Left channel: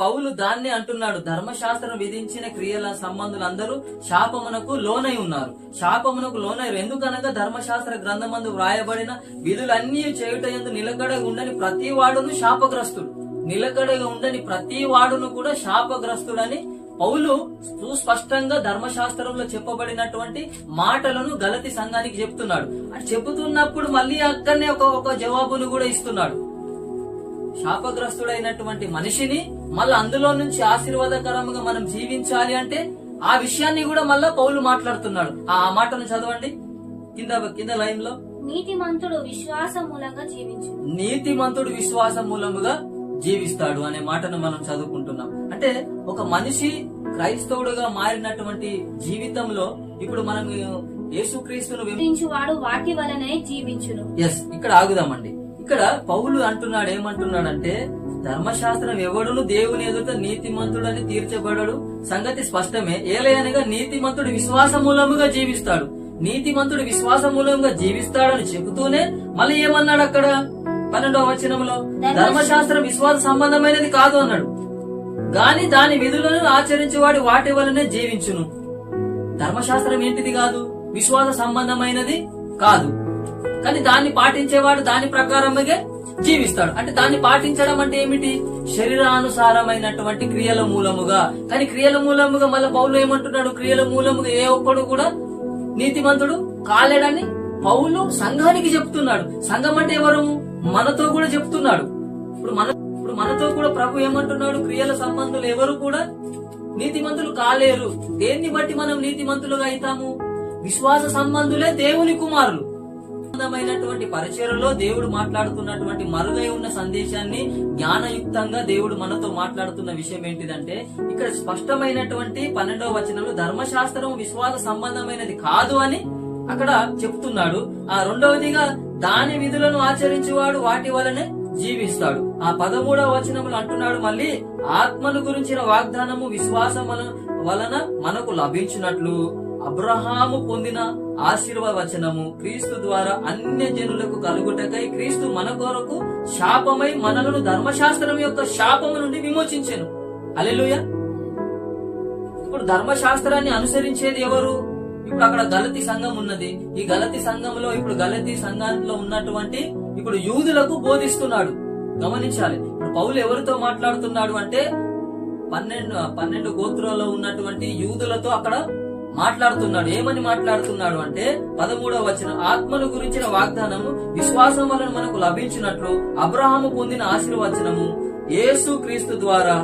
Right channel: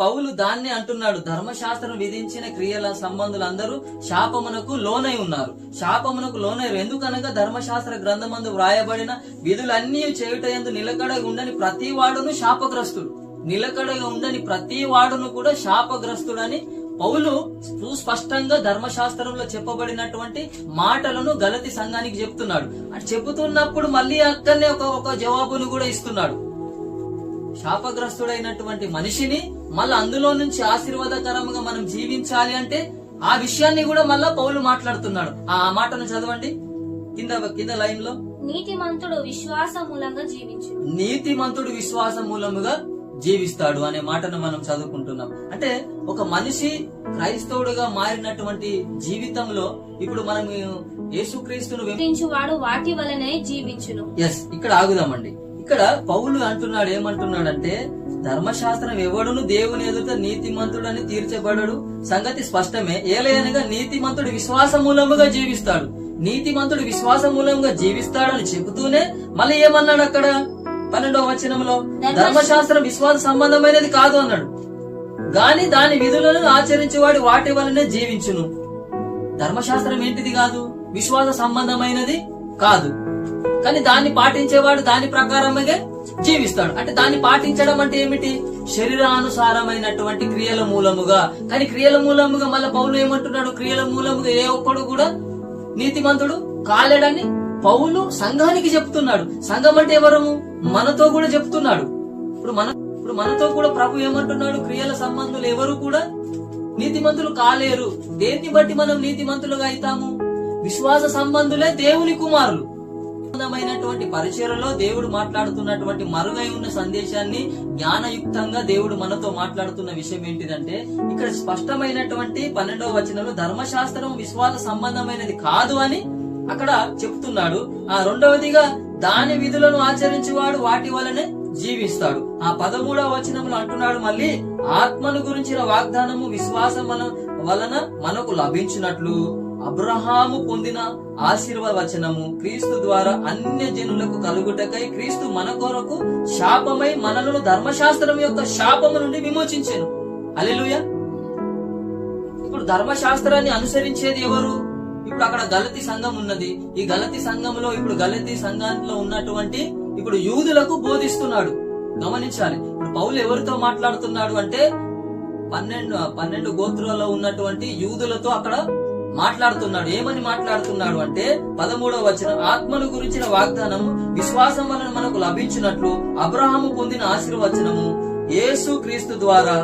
పౌలు దాన్ని అంటున్నాడు, ధర్మశాస్త్రం విధించిన క్రియల సంబంధులందరూ శాపమునకు లోనై ఉన్నారు. శాపమునకు లోనయ్యారు. ఎందుకనగా ధర్మశాస్త్ర గ్రంథమందు వ్రాయబడిన విధులన్నీ చేయుటయందు నిలకడగా ఉండని ప్రతి వాడును శాపగ్రస్తుడు. నిలకడగా ఉండని ప్రతి వాడును కూడా శాపగ్రస్తుడని పౌలు సుస్పష్టంగా ధర్మశాస్త్రంలో చెప్పబడినటువంటి మాటలను గలతి సంఘానికి చెప్తున్నాడు. అటు చెబుతున్నప్పుడు మళ్ళీ అక్కడనే ఒక జవాబును కూడా ఇస్తున్నాడు. శాపగ్రస్తుడైనటువంటి మనిషిని మళ్ళీ అందులో నుంచి ఆశీర్వాదకరంగా మనం జీవించాలి అంటే ఆ విషయాన్ని కూడా మళ్ళా పౌలు మాట్లాడుతున్నాడు. ఆ మాటను చదవండి కింద లైన్ లో. నీతిమంతుడు విశ్వాస మూలముగా జీవిస్తాడు అనే మాటను మనం చదువుకుంటున్నాం. అంటే ఒక మనిషి క్రైస్తవుడుగా మారినటువంటి జీవితంలో ఇప్పుడు మనం యేసుక్రీస్తును వెంబడించువాడు వాటి వలనే జీవించును. ఇక్కడ ఆగుదామండి. ఇక్కడ పౌలు అంటున్నాడు, ఏమంటున్నాడంటే ధర్మశాస్త్రం ఎవడును దేవుని ఎదుట నీతిమంతుడని తీర్చబడడు సంగతి స్పష్టమే. ఏలయనగా నీతిమంతుడు విశ్వాస మూలముగా జీవిస్తాడు. నీతిమంతుడు విశ్వాస మూలంగా జీవిస్తాడని చెబుతూనే మళ్ళీ ఏమన్నాడు అక్కడ 12వ వచనంలో, ధర్మశాస్త్రం విశ్వాస సంబంధమైనది కాదు అన్నాడు, గాని దాని విధులను ఆచరించేవాడు వాటి వలనే జీవించును. ధర్మశాస్త్రం ఏంటిది కాదు? విశ్వాస సంబంధమైనది కాదు. కానీ దాన్ని పాటించేవాడు దాని ప్రకారమే జీవిస్తాడు. అంటే దాన్ని పాటించడం అంటే ఏమిటి? శరీరానుసారమైనటువంటి క్రియల మూలముగా. కానీ క్రియల మూలముగా మళ్ళీ పౌలు ఏమంటున్నాడు? క్రియల మూలముగా ఏ ఒక్కడు కూడా నీతిమంతుడు కాలేడని పౌలు సంఘానికి చెప్తున్నాడు. సంఘం అంటే ఎవరు? మనతో కూడా చెప్తున్నాడు. ఇప్పుడు మనతో కూడా ప్రభు ఏమంటున్నాడు? క్రియల సంబంధులు ఎవరు కూడా నీతిమంతులు కాలేరు. దేన్ని బట్టి మనం నీతిమంతులుగా అవుతాము? విశ్వాస సంబంధులే దేవుని కుమారులు. సంబంధమైనటువంటి పరిచర్యలో దేవుడు మాట్లాడుతున్నటువంటి మరుగై ఉన్న సందేశాన్ని జ్ఞానయుక్తంగా దేవుడు మనతో మాట్లాడుతున్న విషయం ఏంటిదంటే, ఇక్కడ స్పష్టమైనటువంటి 12వ వచనంలో ధర్మశాస్త్రం విశ్వాస సంబంధమైనది కాదు అని అక్కడ చెప్తున్నాడు. ఆ రెండవదిగా దాని విధులను ఆచరించేవాడు వాటి వలనే జీవిస్తాడు. ఆ 13వ వచనంలో అంటున్నాడు మళ్ళీ, ఆత్మను గురించిన వాగ్దానము విశ్వాసం వలన మనకు లభించినట్లు అబ్రహాము పొందిన ఆశీర్వచనము క్రీస్తు ద్వారా అన్య జనులకు కలుగుటకై క్రీస్తు మన కొరకు శాపమై మనలను ధర్మశాస్త్రం యొక్క శాపము నుండి విమోచించెను. హల్లెలూయా. ఇప్పుడు ధర్మశాస్త్రాన్ని అనుసరించేది ఎవరు? ఇప్పుడు అక్కడ గలతీ సంఘం ఉన్నది. ఈ గలతీ సంఘంలో ఇప్పుడు గలతీ సంఘంలో ఉన్నటువంటి ఇప్పుడు యూదులకు బోధిస్తున్నాడు. గమనించాలి. ఇప్పుడు పౌలు ఎవరితో మాట్లాడుతున్నాడు అంటే 12 గోత్రాల్లో ఉన్నటువంటి యూదులతో అక్కడ మాట్లాడుతున్నాడు. ఏమని మాట్లాడుతున్నాడు అంటే 13వ వచనం, ఆత్మను గురించిన వాగ్దానము విశ్వాసం వలన మనకు లభించినట్లు అబ్రహాము పొందిన ఆశీర్వచనము యేసు క్రీస్తు ద్వారా